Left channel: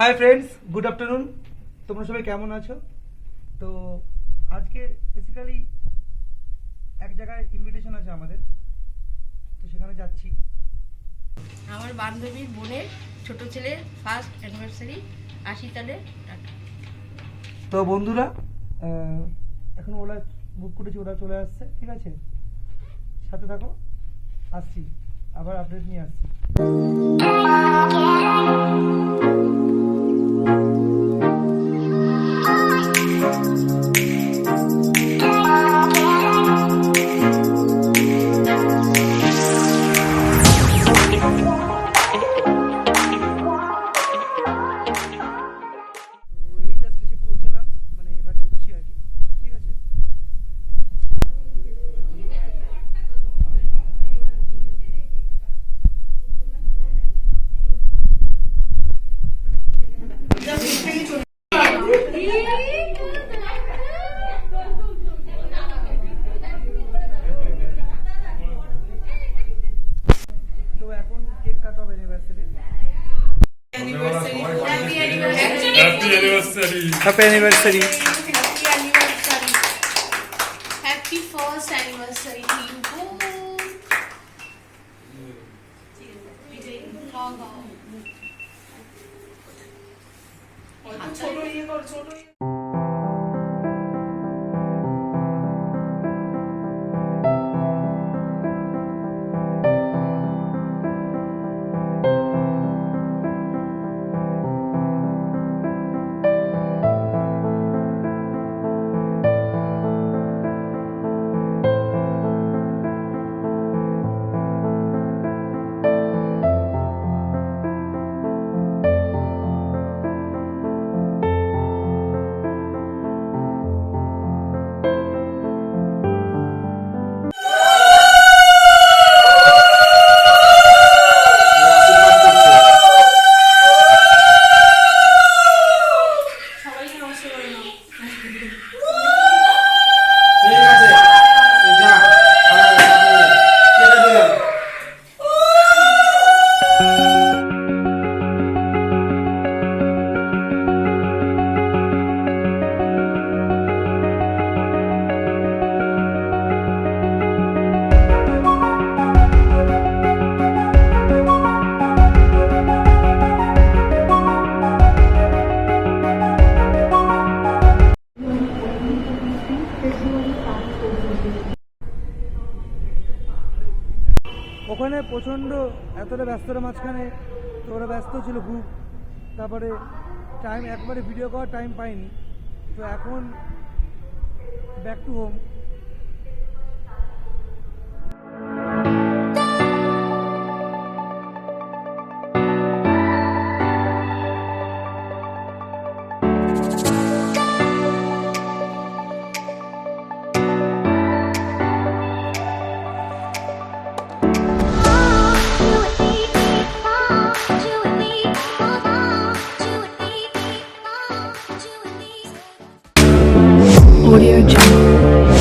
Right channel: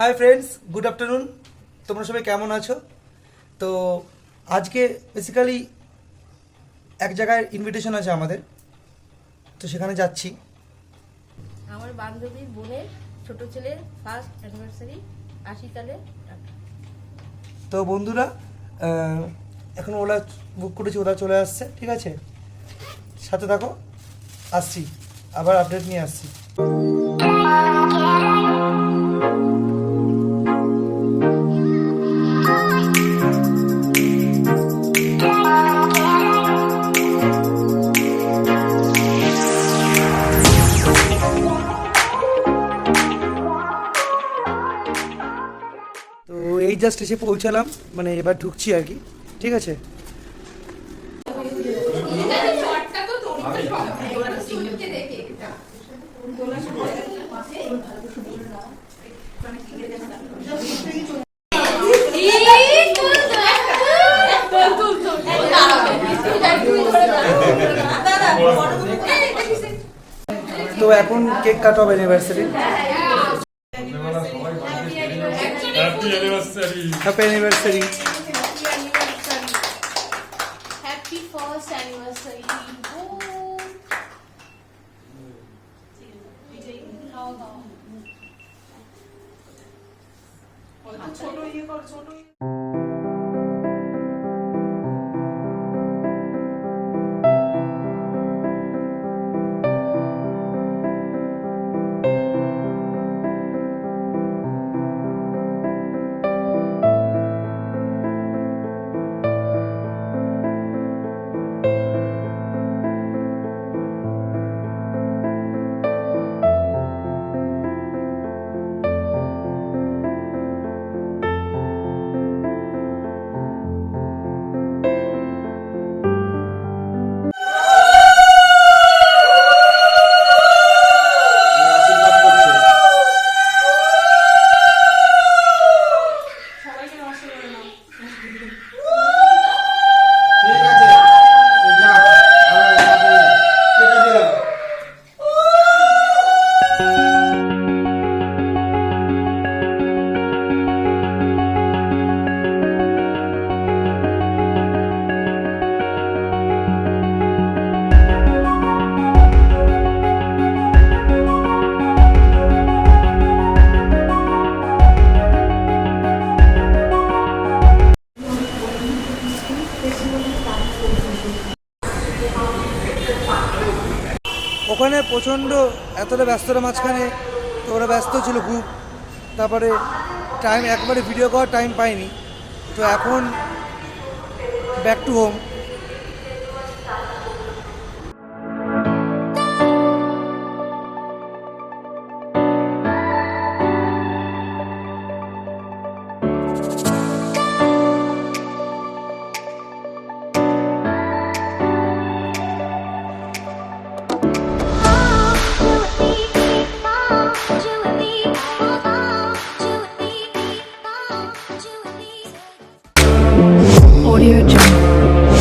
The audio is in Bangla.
Hi friends, good afternoon. তোমরা সবাই কেমন আছো? তো আজকে বেসিক্যালি এক জায়গায় ইনভিটেশন আছে আমাদের, তো সেখানে যাচ্ছি। আমার বান্ধবীর বোনের ছোট ছেলের ফার্স্ট অ্যানিভার্সারি 80 সালে। তো বন্ধুরা, এখন ওলা বুক করেছি, ওরা চলে আসছে। ঠিক আছে, সাথে থাকো, আসছি, আবার আপডেট নিয়ে আসছি। তো এই জাস্ট এসে পৌঁছালাম, মানে এবার ঢুকছি আর কি। ঠিক আছে, তো এখন কেক কাট হবে anniversary. Happy anniversary. Happy first anniversary to you. ওখানে প্রচণ্ড এতটা ব্যস্ততার মাঝখানে, তো ওরা ব্যস্ত ছিল খুব, তারপরে টাইম একবারে ভিডিও করার টাইম পাইনি। তো এখন back to home. Audio Jungle.